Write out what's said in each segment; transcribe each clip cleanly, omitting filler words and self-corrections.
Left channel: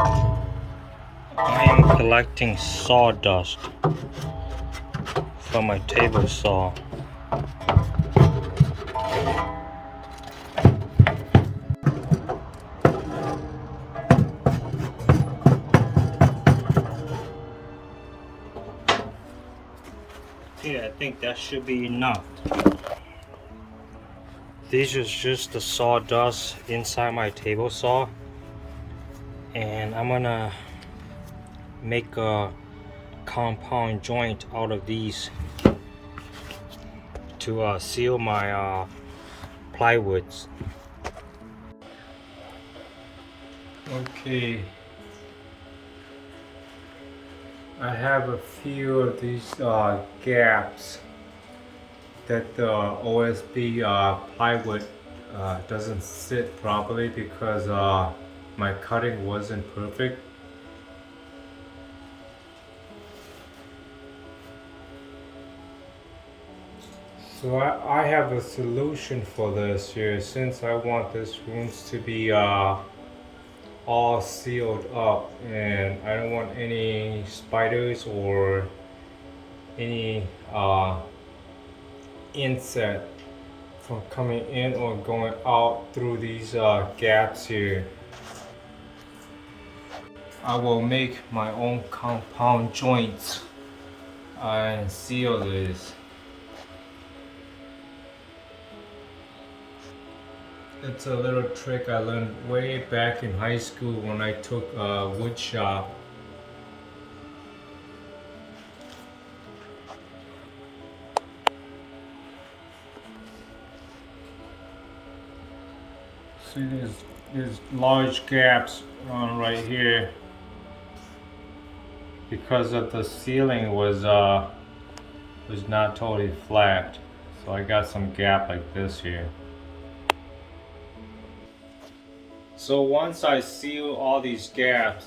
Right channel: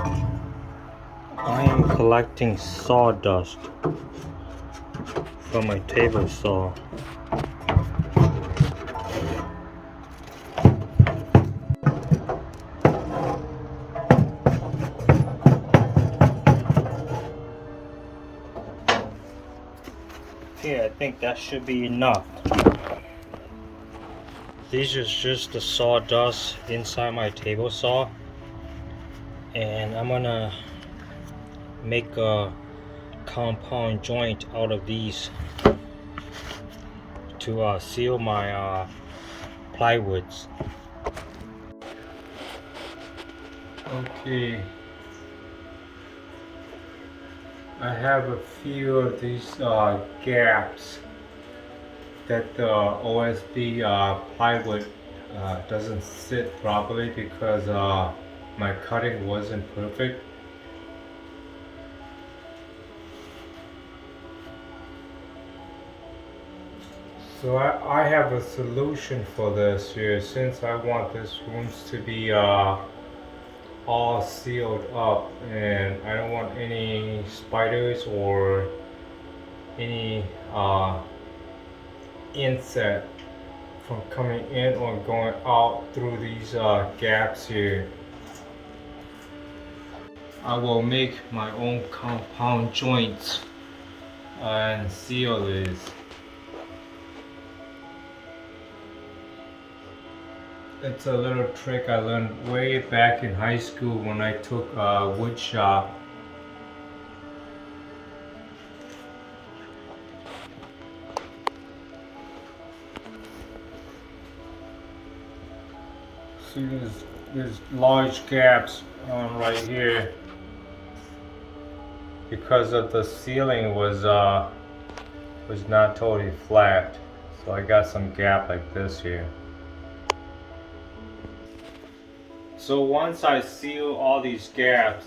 I am collecting sawdust from my table saw. Okay, I think that should be enough. These is just the sawdust inside my table saw, and I'm gonna make a compound joint out of these to seal my plywoods. Okay, I have a few of these gaps that the OSB plywood doesn't sit properly because my cutting wasn't perfect. So I have a solution for this here, since I want this rooms to be all sealed up and I don't want any spiders or any insect from coming in or going out through these gaps here. I will make my own compound joints and seal this. It's a little trick I learned way back in high school when I took wood shop. See, there's large gaps on right here because of the ceiling was not totally flat, so I got some gap like this here. So once I seal all these gaps,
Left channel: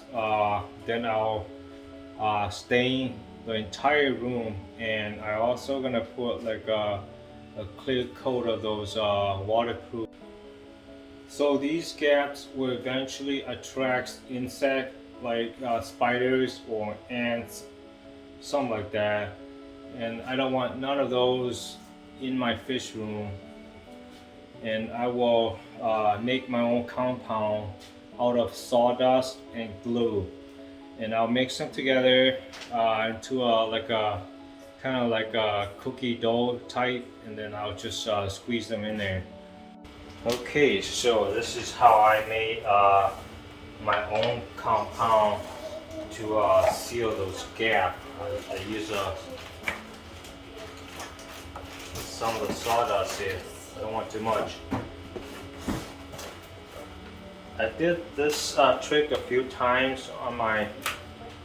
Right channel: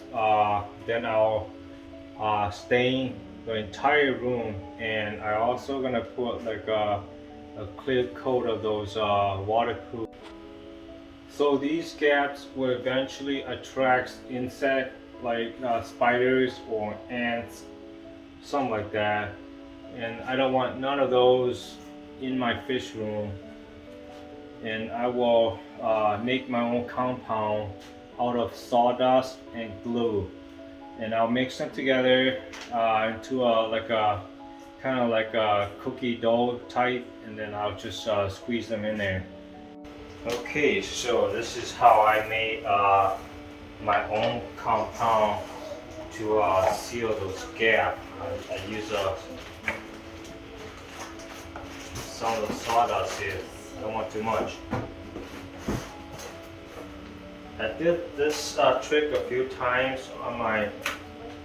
then I'll stain the entire room, and I also gonna put like a clear coat of those waterproof. So these gaps will eventually attract insects like spiders or ants, something like that. And I don't want none of those in my fish room. And I will make my own compound out of sawdust and glue. And I'll mix them together into like a kind of like a cookie dough type, and then I'll just squeeze them in there. Okay, so this is how I made my own compound to seal those gaps. I use some of the sawdust here. I don't want too much. I did this trick a few times on my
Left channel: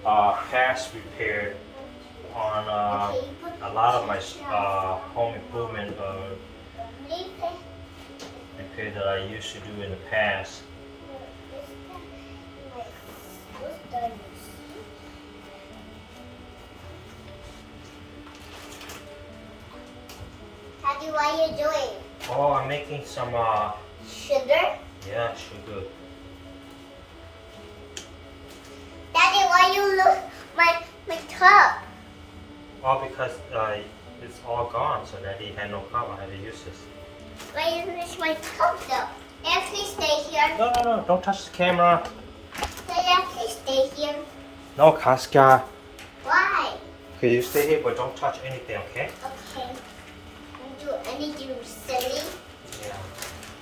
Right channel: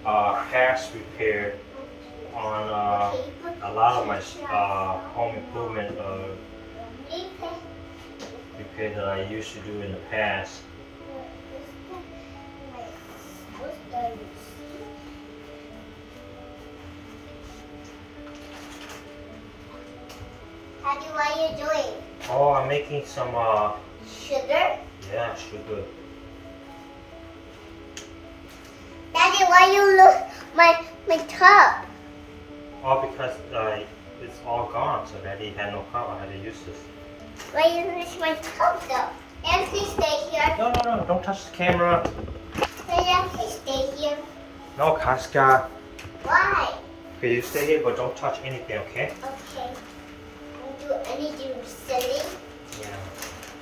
past repair on a lot of my home improvement repair that I used to do in the past. Daddy, what are you doing? Oh, I'm making some Sugar? yeah, sugar. Daddy, why you look my cup? Oh, because it's all gone, so Daddy had no cup. I had to use this. Why you use my cup though? And please stay here. No, don't touch the camera. Dad, please stay here. No, Casca. Why? Okay, you stay here, but don't touch anything, okay? Okay. Don't do anything silly. Yeah.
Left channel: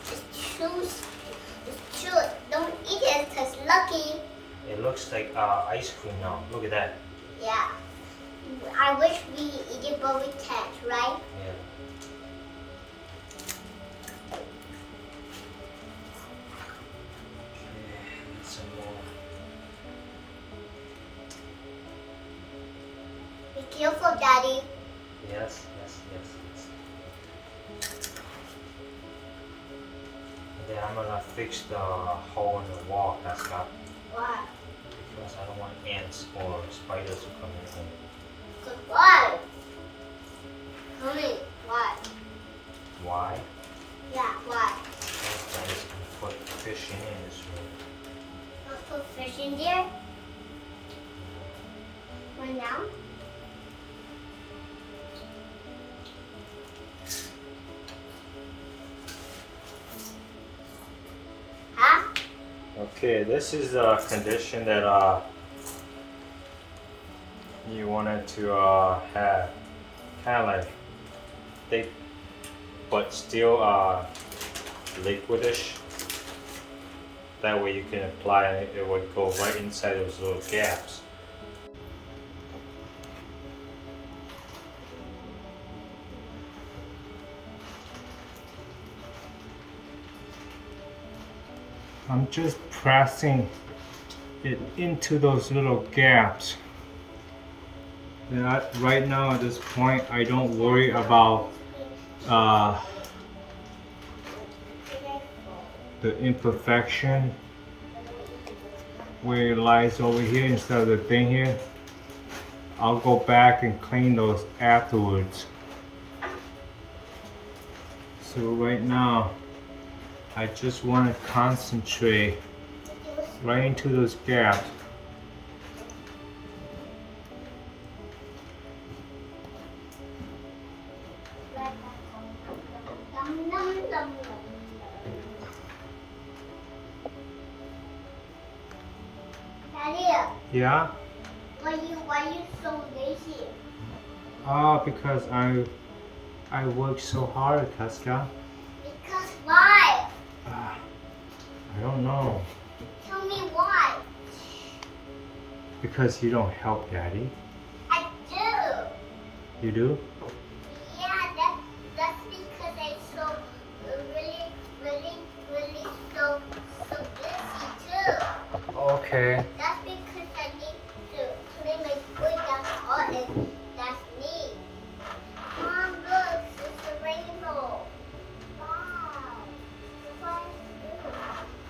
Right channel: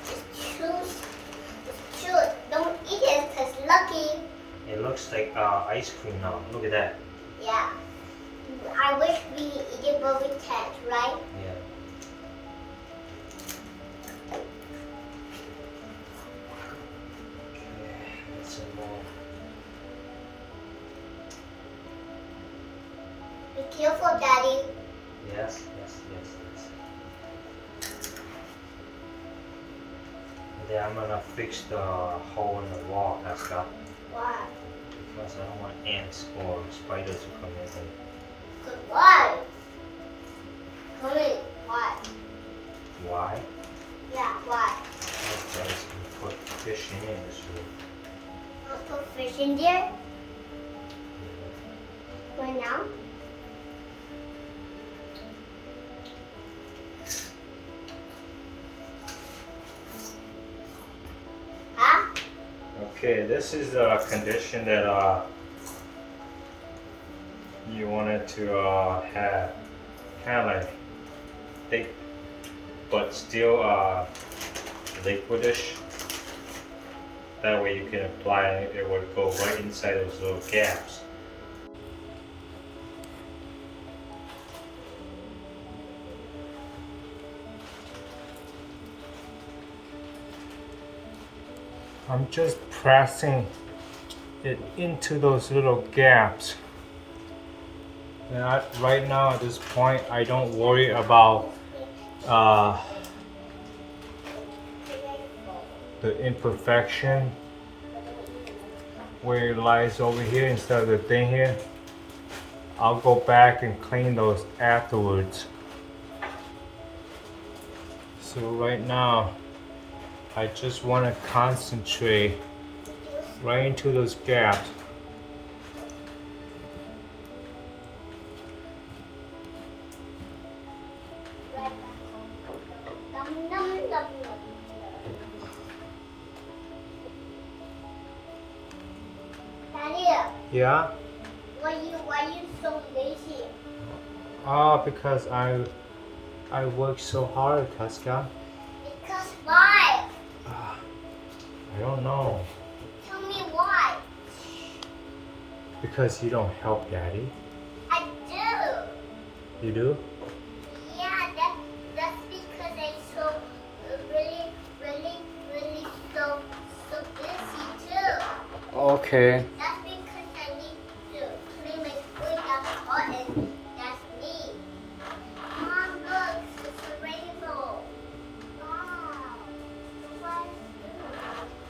Just choose. Just choose. Don't eat it because lucky. It looks like ice cream now. Look at that. Yeah. I wish we eat it, but we can't, right? Yeah. Okay, get some more. Be careful, Daddy. Yes. And then I'm gonna fix the hole in the wall, Casca. Why? Because I don't want ants or spiders to come in. Why? Tell me why. Why? Yeah, why? Those guys can put fish in this room. I'll put fish push in there? Right now? Huh? Okay, this is the condition that you wanted to have, kind of like thick, but still liquidish. That way you can apply it, it would go right inside those little gaps. I'm just pressing it into those little gaps. And right now at this point, I don't worry about the imperfection where it lies over here instead of the thing here. I'll go back and clean those afterwards. So right now, I just want to concentrate right into those gaps. Daddy, Yeah? why you so lazy? Because I work so hard, Casca. Because why? I don't know. Tell me why. Because you don't help Daddy. I do. You do? Yeah, that's because I'm so really so busy too. Okay. That's because I need to clean my food. That's all it. That's me. Mom, look, it's a rainbow. Wow.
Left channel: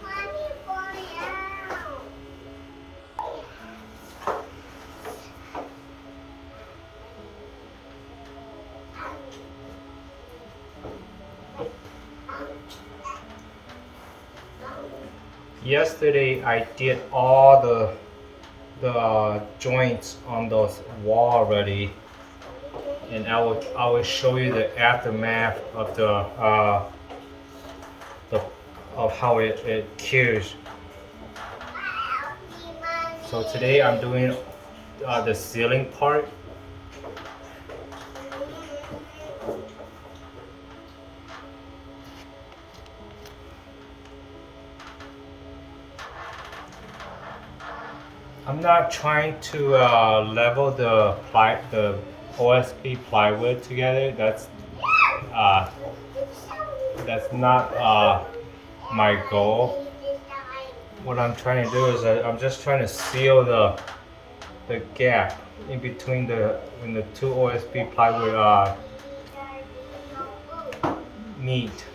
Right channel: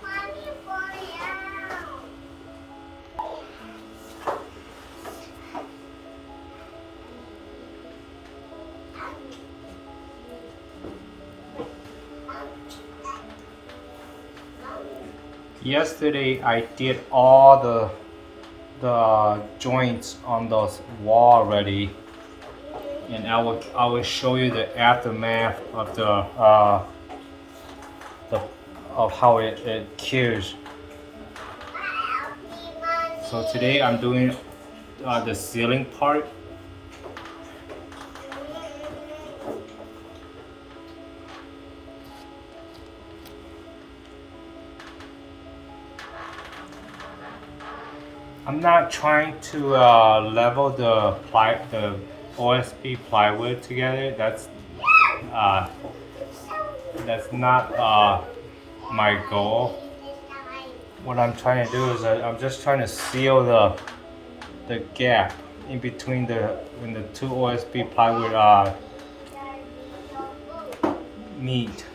Mommy, fall out. Yesterday I did all the joints on those wall already, and I will show you the aftermath of the of how it cures. So today I'm doing the ceiling part. I'm not trying to level the OSB plywood together. That's not my goal. What I'm trying to do is I'm just trying to seal the gap in between when the two OSB plywood meet.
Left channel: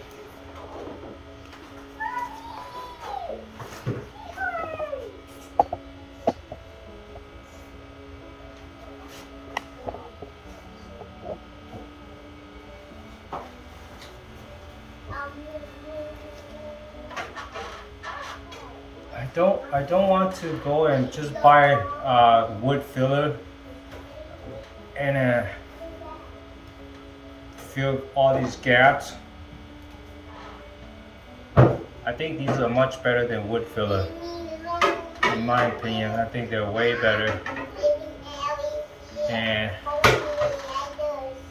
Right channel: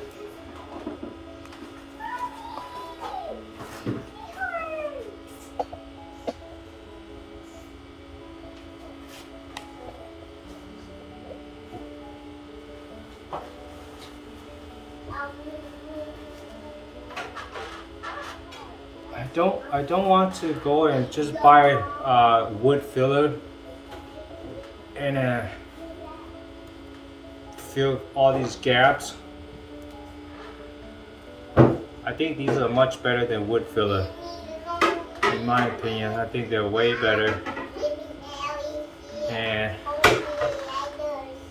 I don't want to go and just buy wood filler and fill all these gaps. I think these are much better than wood filler. In my opinion, I think they're way better. And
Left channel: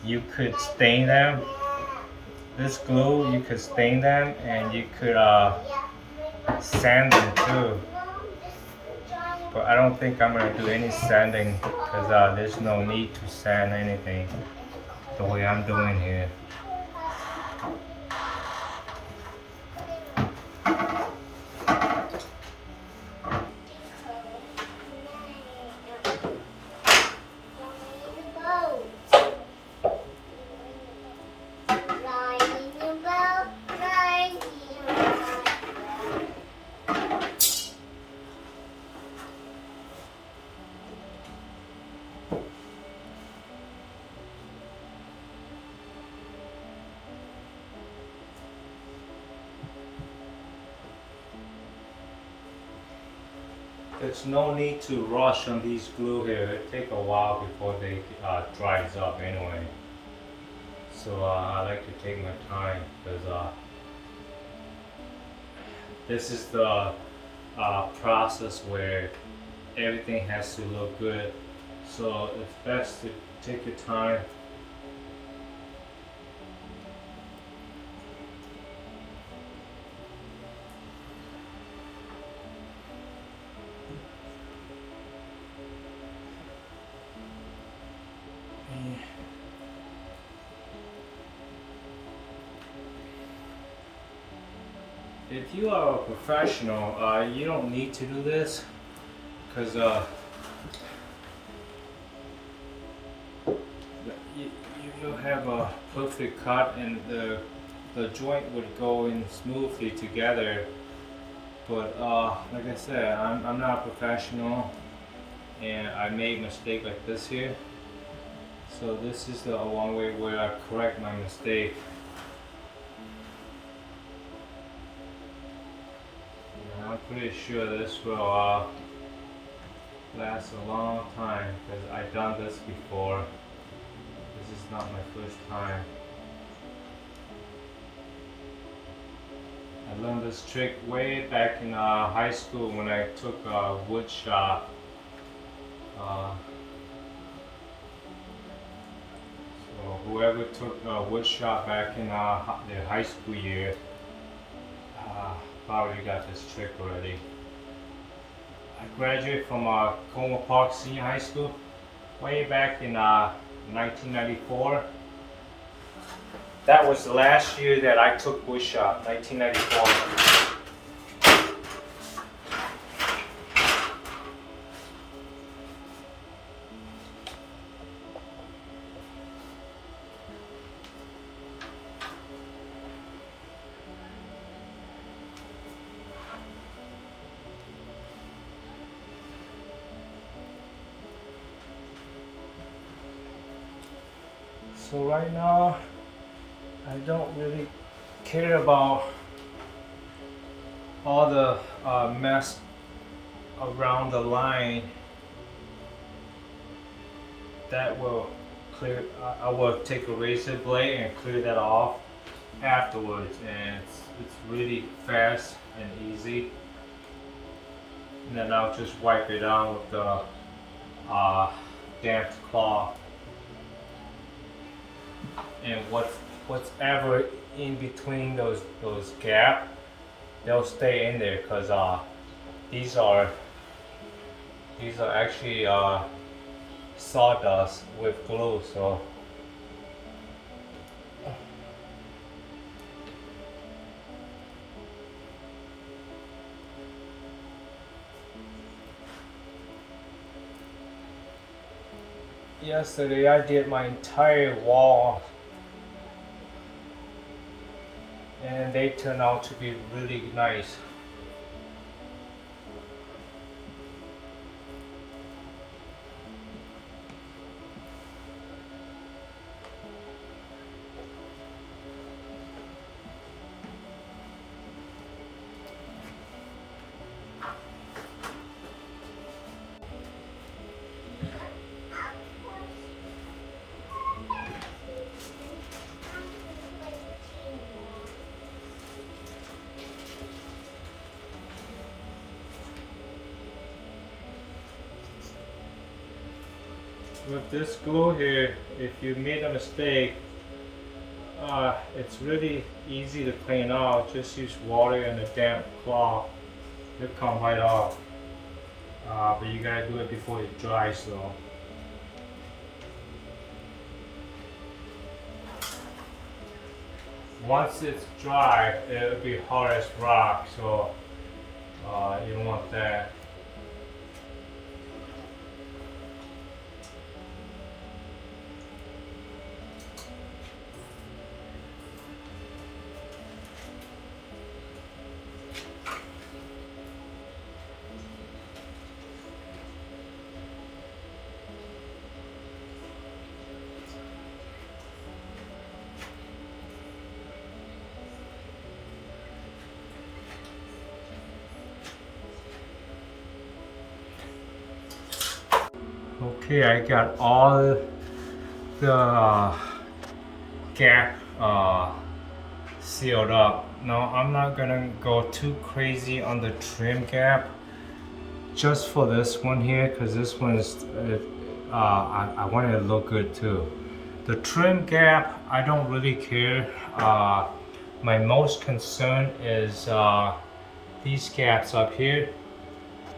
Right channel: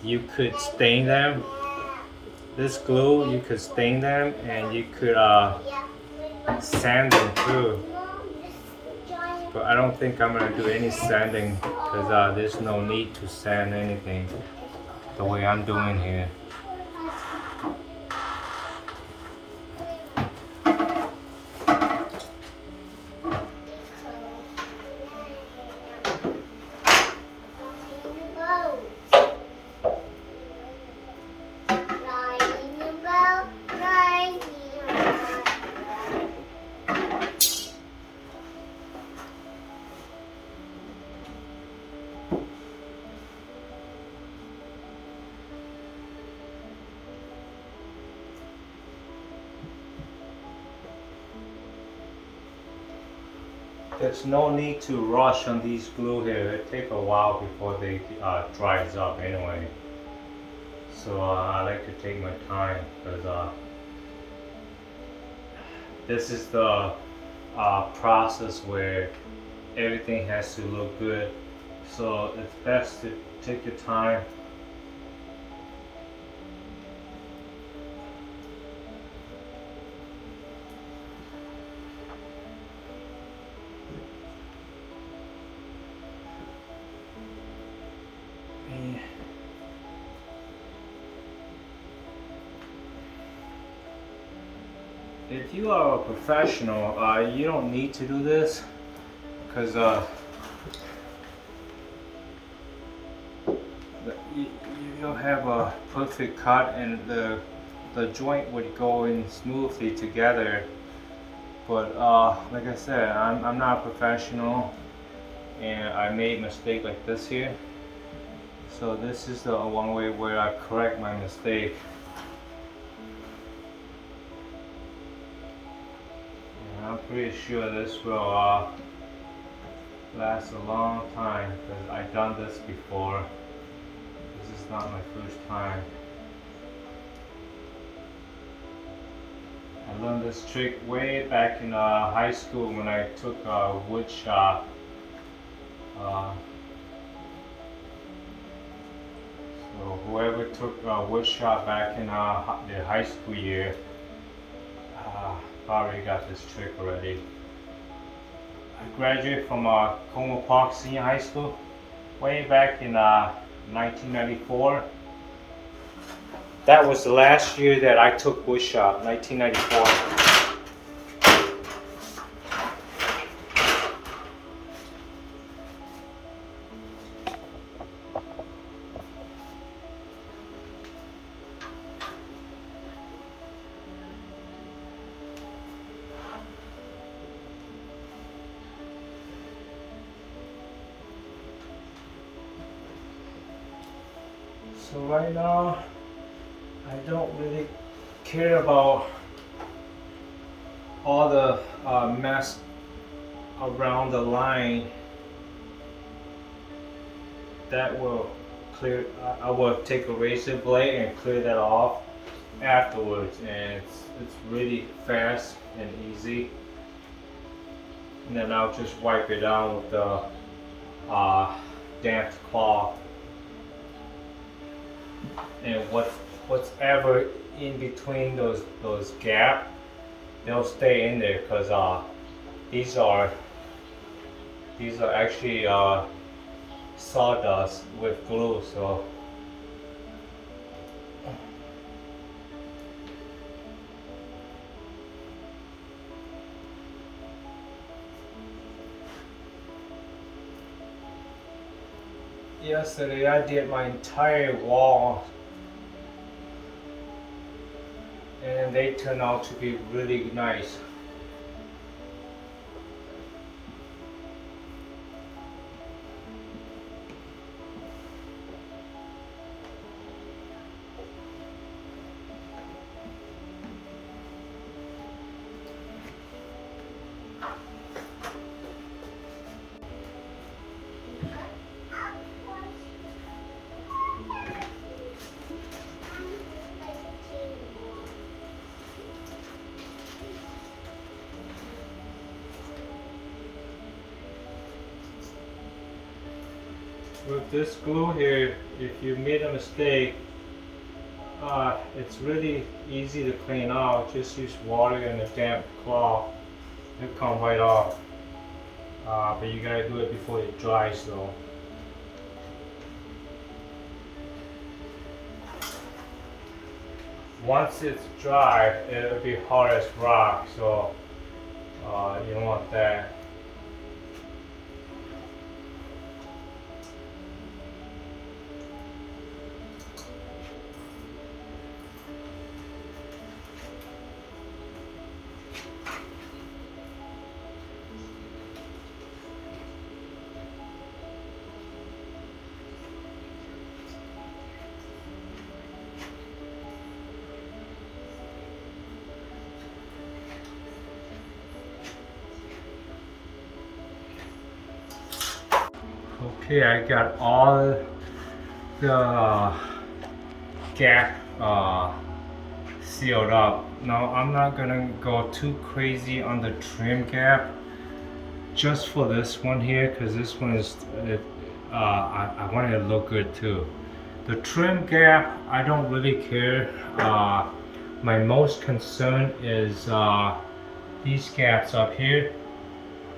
you could stain them. This glue, you could stain them, and you could sand them too. But I don't think I'm gonna do any sanding because there's no need to sand anything the way I'm doing here. there's no need to rush on these glue here. It take a while before they dries up anyway. So I like to take my time because this is the process where everything has to look good. So it's best to take your time. If you are a professional, you don't need to do this because you'll have a perfect cut and the joint would go in smoothly together. But like I said, I'm not a professional and I made a mistake like this here. So this is the one way where I correct my mistake. I'm pretty sure this will last a long time because I've done this before. This is not my first time. I learned this trick way back in high school when I took wood shop. So whoever took wood shop back in their high school year probably got this trick already. I graduated from Como Park Senior High School way back in 1994. That was the last year that I took wood shop, 1994. So right now, I don't really care about all the mess around the line. That will clear. I will take a razor blade and clear that off afterwards, and it's really fast and easy. And then I'll just wipe it out with the damp cloth. And what's ever in between those gaps, they'll stay in there because these are actually sawdust with glue. So yesterday I did my entire wall and they turned out to be really nice. With this glue here, if you made a mistake, it's really easy to clean out. Just use water and a damp cloth. It'll come right off. But you gotta do it before it dries though. Once it's dry, it'll be hard as rock, so you don't want that. Okay, I got all the gap sealed up. Now I'm not gonna go too crazy on the trim gap just for this one here, because this one is I want it to look good too. The trim gap, I don't really care. My most concern is these gaps up here.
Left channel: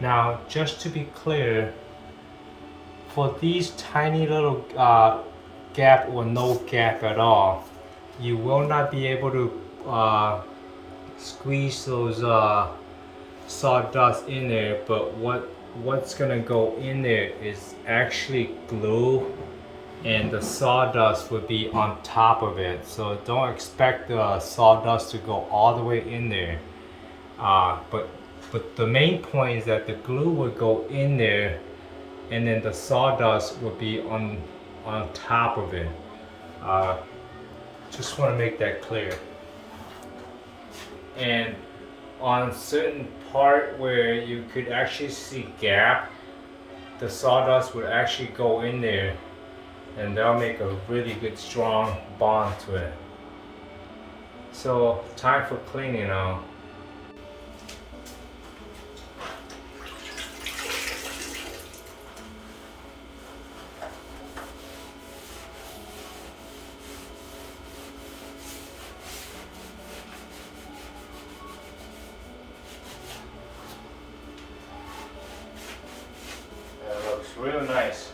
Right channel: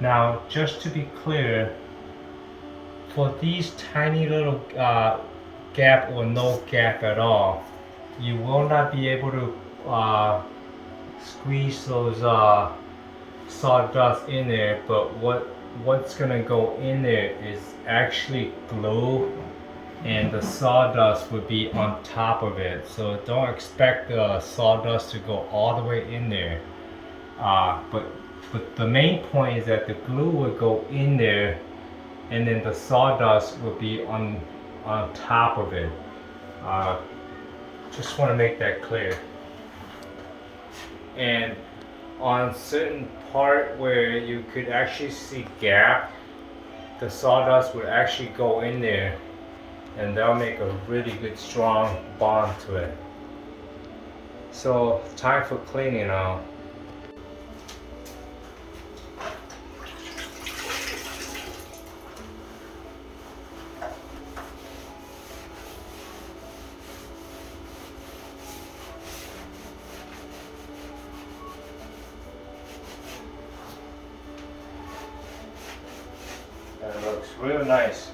Now, just to be clear, for these tiny little gap or no gap at all, you will not be able to squeeze those sawdust in there. But what's gonna go in there is actually glue, and the sawdust would be on top of it. So don't expect the sawdust to go all the way in there. But the main point is that the glue would go in there, and then the sawdust would be on top of it. Just want to make that clear. And on certain part where you could actually see gap, the sawdust would actually go in there, and that'll make a really good strong bond to it. So time for cleaning now. It looks really nice.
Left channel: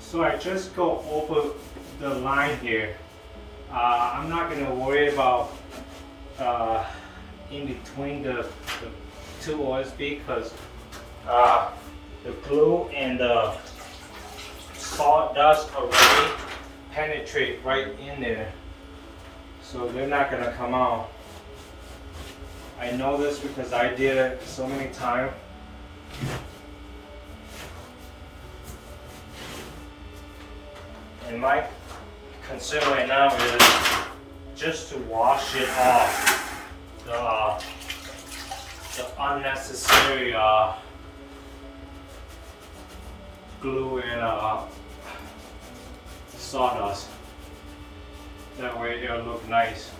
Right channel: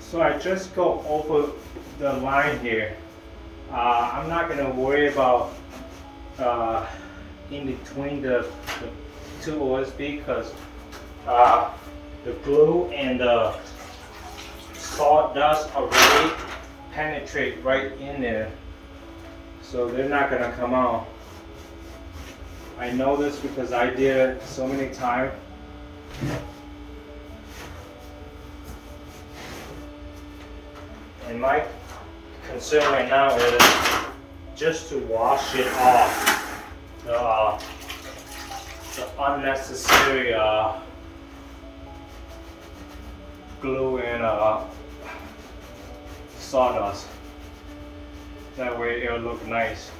So I just go over the line here. I'm not gonna worry about in between the two OSB, because the glue and the sawdust already penetrate right in there, so they're not gonna come out. I know this because I did it so many times. And my concern right now is just to wash it off the unnecessary glue and sawdust. That way it'll look nice.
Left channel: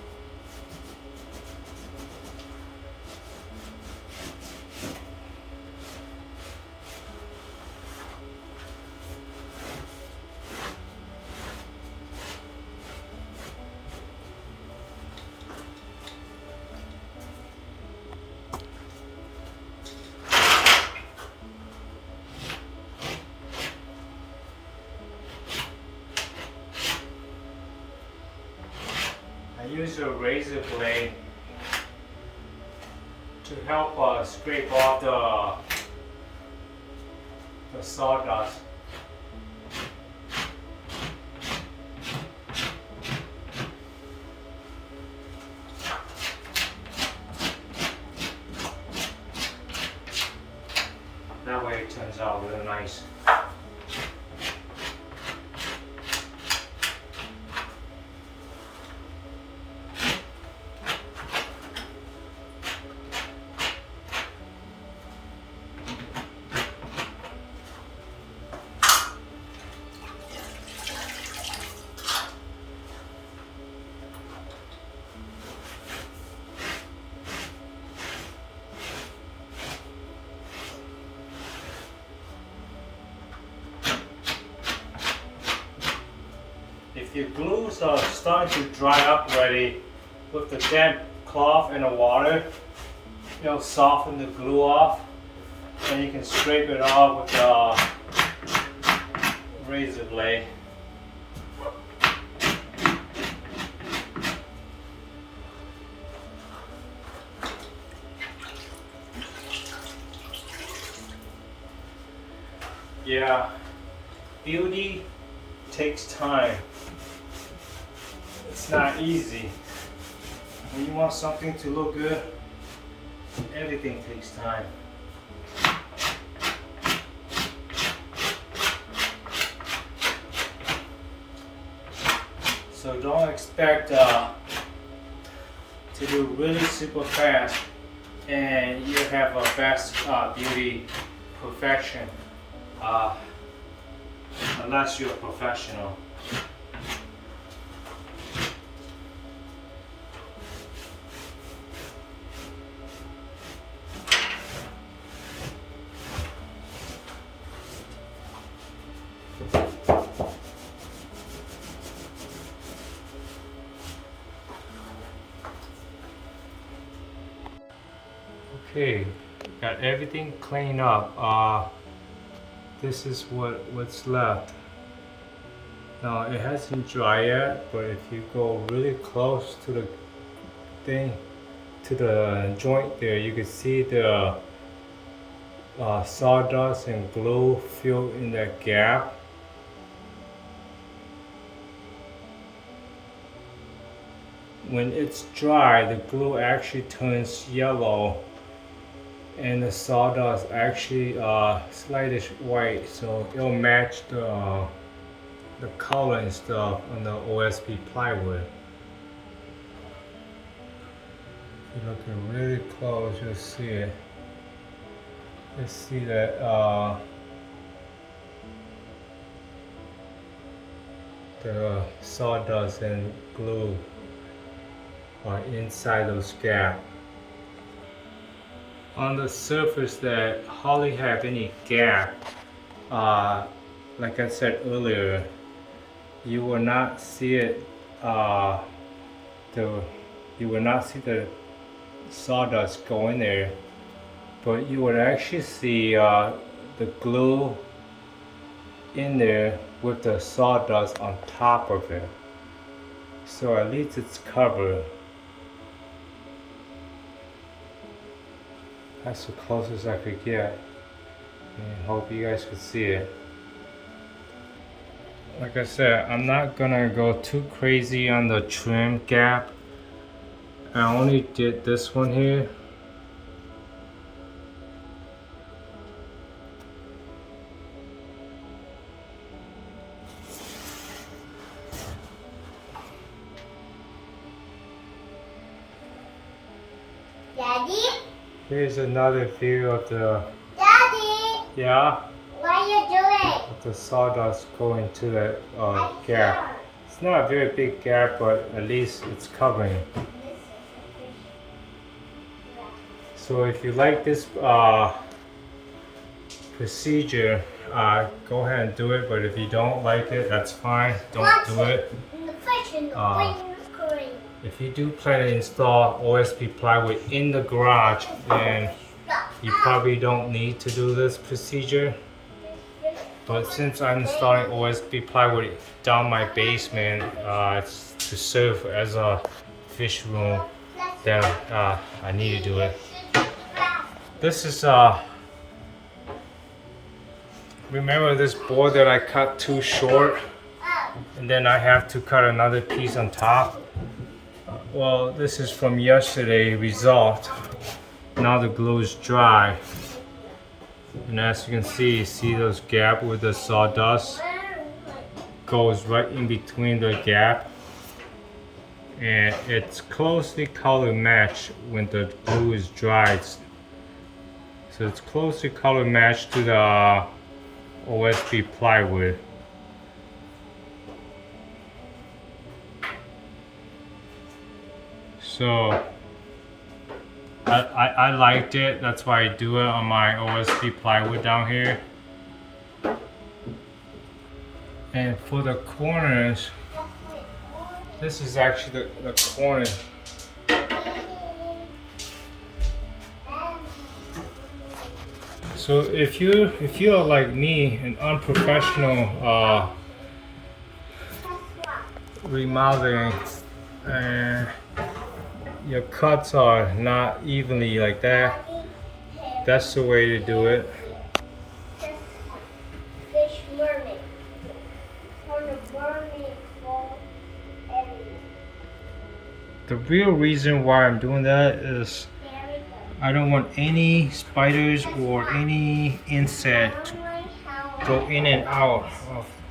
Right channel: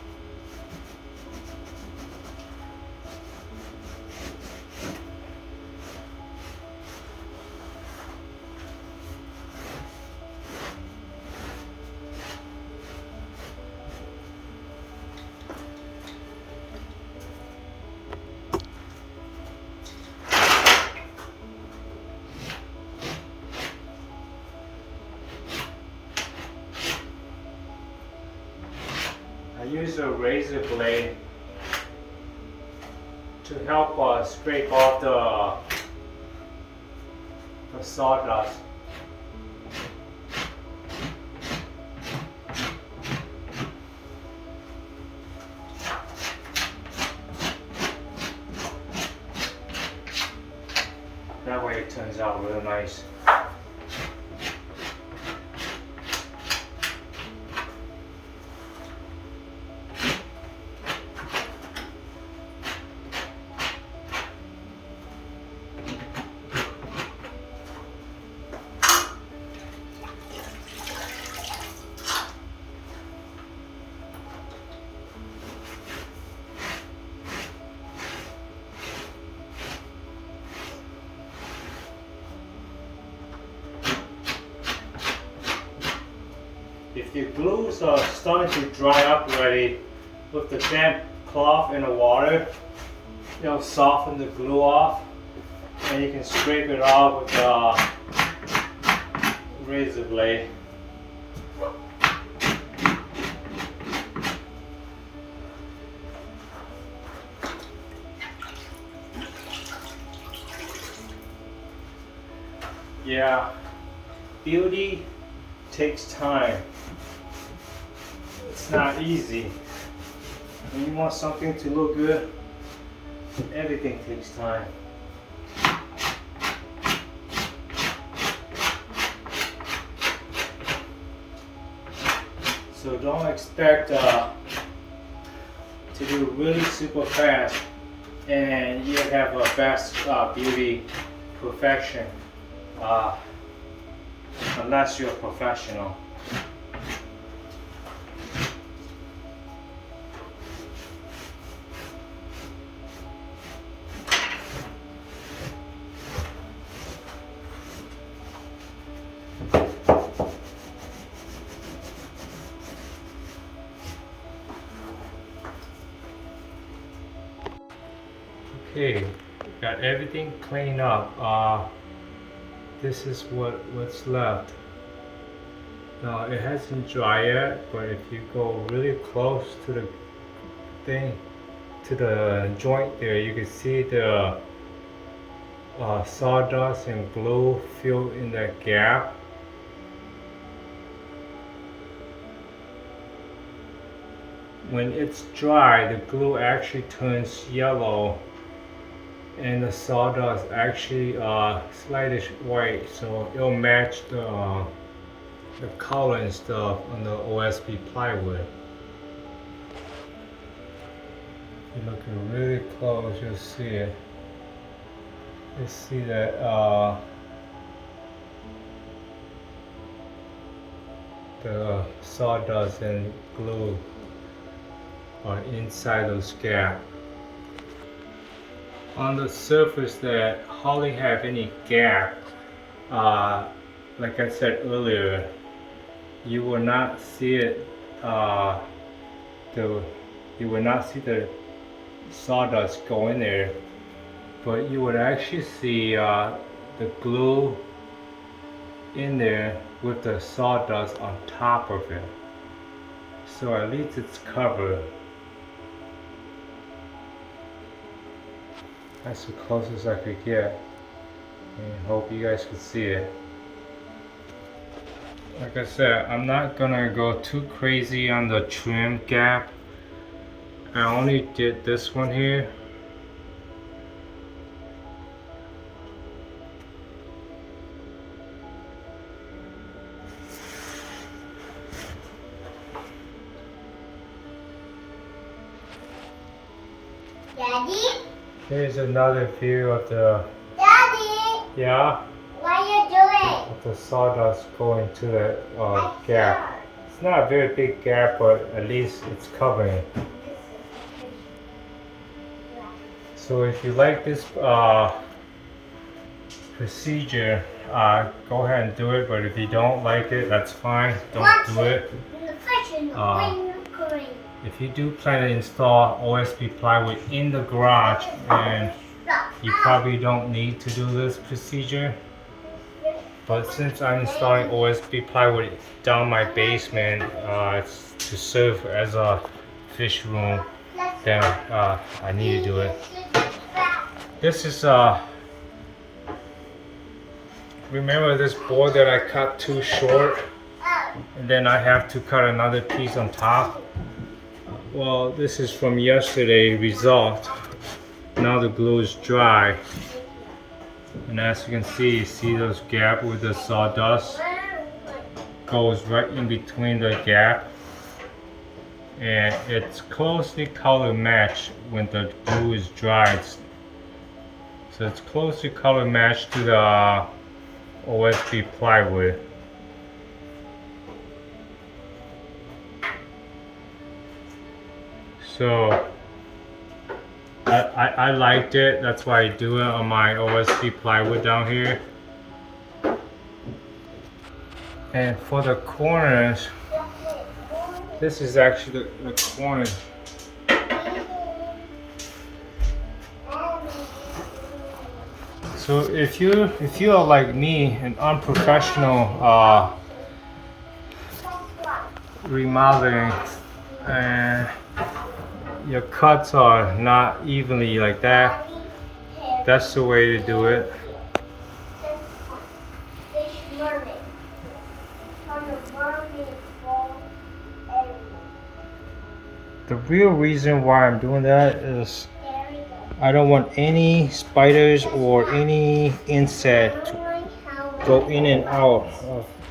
I use a razor blade to help scrape off the sawdust. That way it turns out really nice. if your glues are starting to dry up already, with the damp cloth and the water, it'll soften the glue off, and you can scrape it off with a razor blade. Yeah, beauty takes time. It's not easy. When you want something to look good, everything takes time. So don't expect to do really super fast and you have a fast beauty perfection. Unless you're a professional. Okay, got everything cleaned up. This is what's left. Now it hasn't dried yet, but if you go really close to the thing, to the joint there, you can see the sawdust and glue filled in that gap. When it's dry, the glue actually turns yellow and the sawdust actually slightly white, so it'll match the color and stuff on the OSB plywood. If you're looking really close, you'll see it. You see that the sawdust and glue are inside those gaps. On the surface that hardly have any gap, like I said earlier, you will not see it. You will not see the sawdust go in there, but you would actually see the glue in there with the sawdust on top of it. So at least it's covered. That's the closest I could get, and hope you guys can see it. Like I said, I'm not gonna go too crazy on the trim gap. I only did this one here. Daddy? Here's another view of the, Daddy? yeah, What are you doing? of the sawdust going to the gap. It's not a very big gap, but at least it's covering it. So if you like this procedure, go ahead and do it, but if you don't like it, that's fine, don't do it. If you do plan to install OSB plywood in the garage, then you probably don't need to do this procedure. But since I'm installing OSB plywood down my basement to serve as a fish room, then I need to do it. This is remember this board that I cut too short, and then I have to cut another piece on top. Well, this is from yesterday result. Now the glue is dry, and as you can see those gaps with the sawdust goes right in between the gap, and it's closely color matched when the glue is dried. So it's closely color matched to the OSB plywood. So I liked it, that's why I do it on my OSB plywood down here. And for the corners, This is actually the corner. So if you are like me, an unprofessional remodeling, and your cuts are not evenly like that, that's the way to do it. Fish mermaid. On the mermaid wall area. The real reason why I'm doing that is I don't want any spiders or any insect to go in and out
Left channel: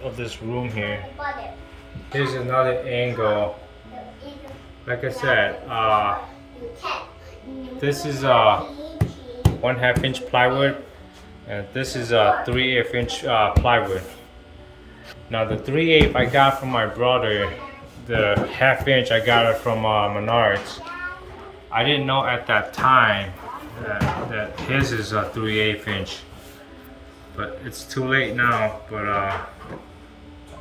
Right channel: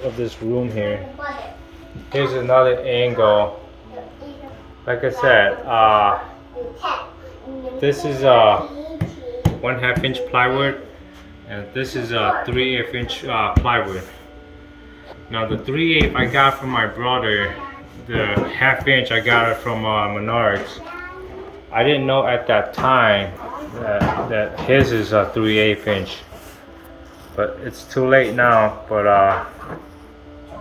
of this room here. Here's another angle. Like I said, this is a 1/2 inch plywood, and this is a 3/8 inch plywood. Now the 3/8 I got from my brother, the 1/2 inch I got it from Menards. I didn't know at that time that his is a 3/8 inch, but it's too late now. But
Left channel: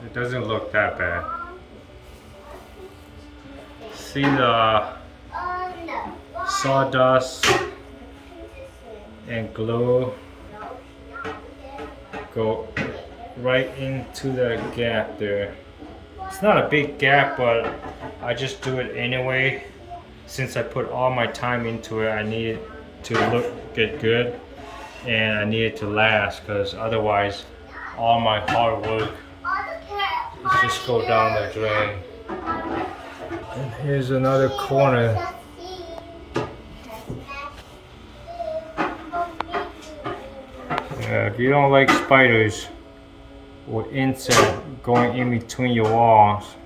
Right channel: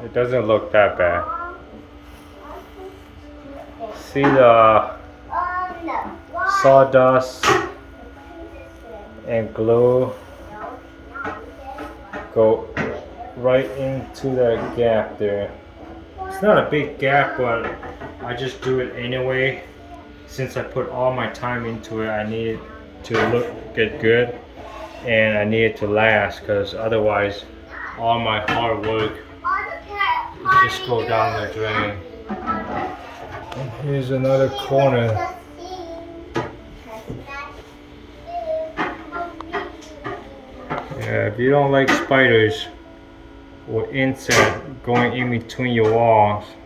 it doesn't look that bad. See the sawdust and glue go right into the gap there. It's not a big gap, but I just do it anyway. Since I put all my time into it, I need it to get good, and I need it to last, because otherwise all my hard work just go down the drain. And here's another corner. Yeah, if you don't like spiders or insect going in between your walls,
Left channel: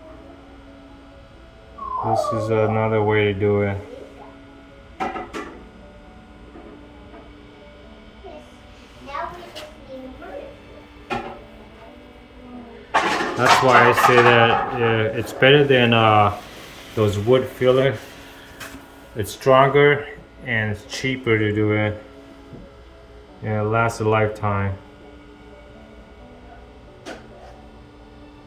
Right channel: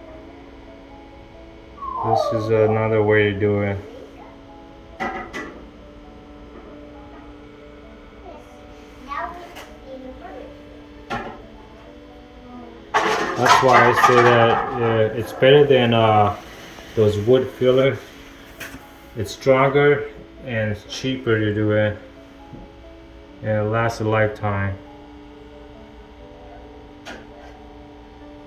this is another way to do it. That's why I say that it's better than those wood filler. It's stronger and it's cheaper to do it. Yeah, it lasts a lifetime.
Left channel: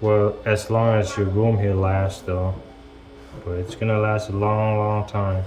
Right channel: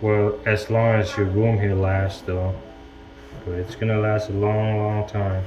Well, as long as your room here lasts though. But it's gonna last a long, long time.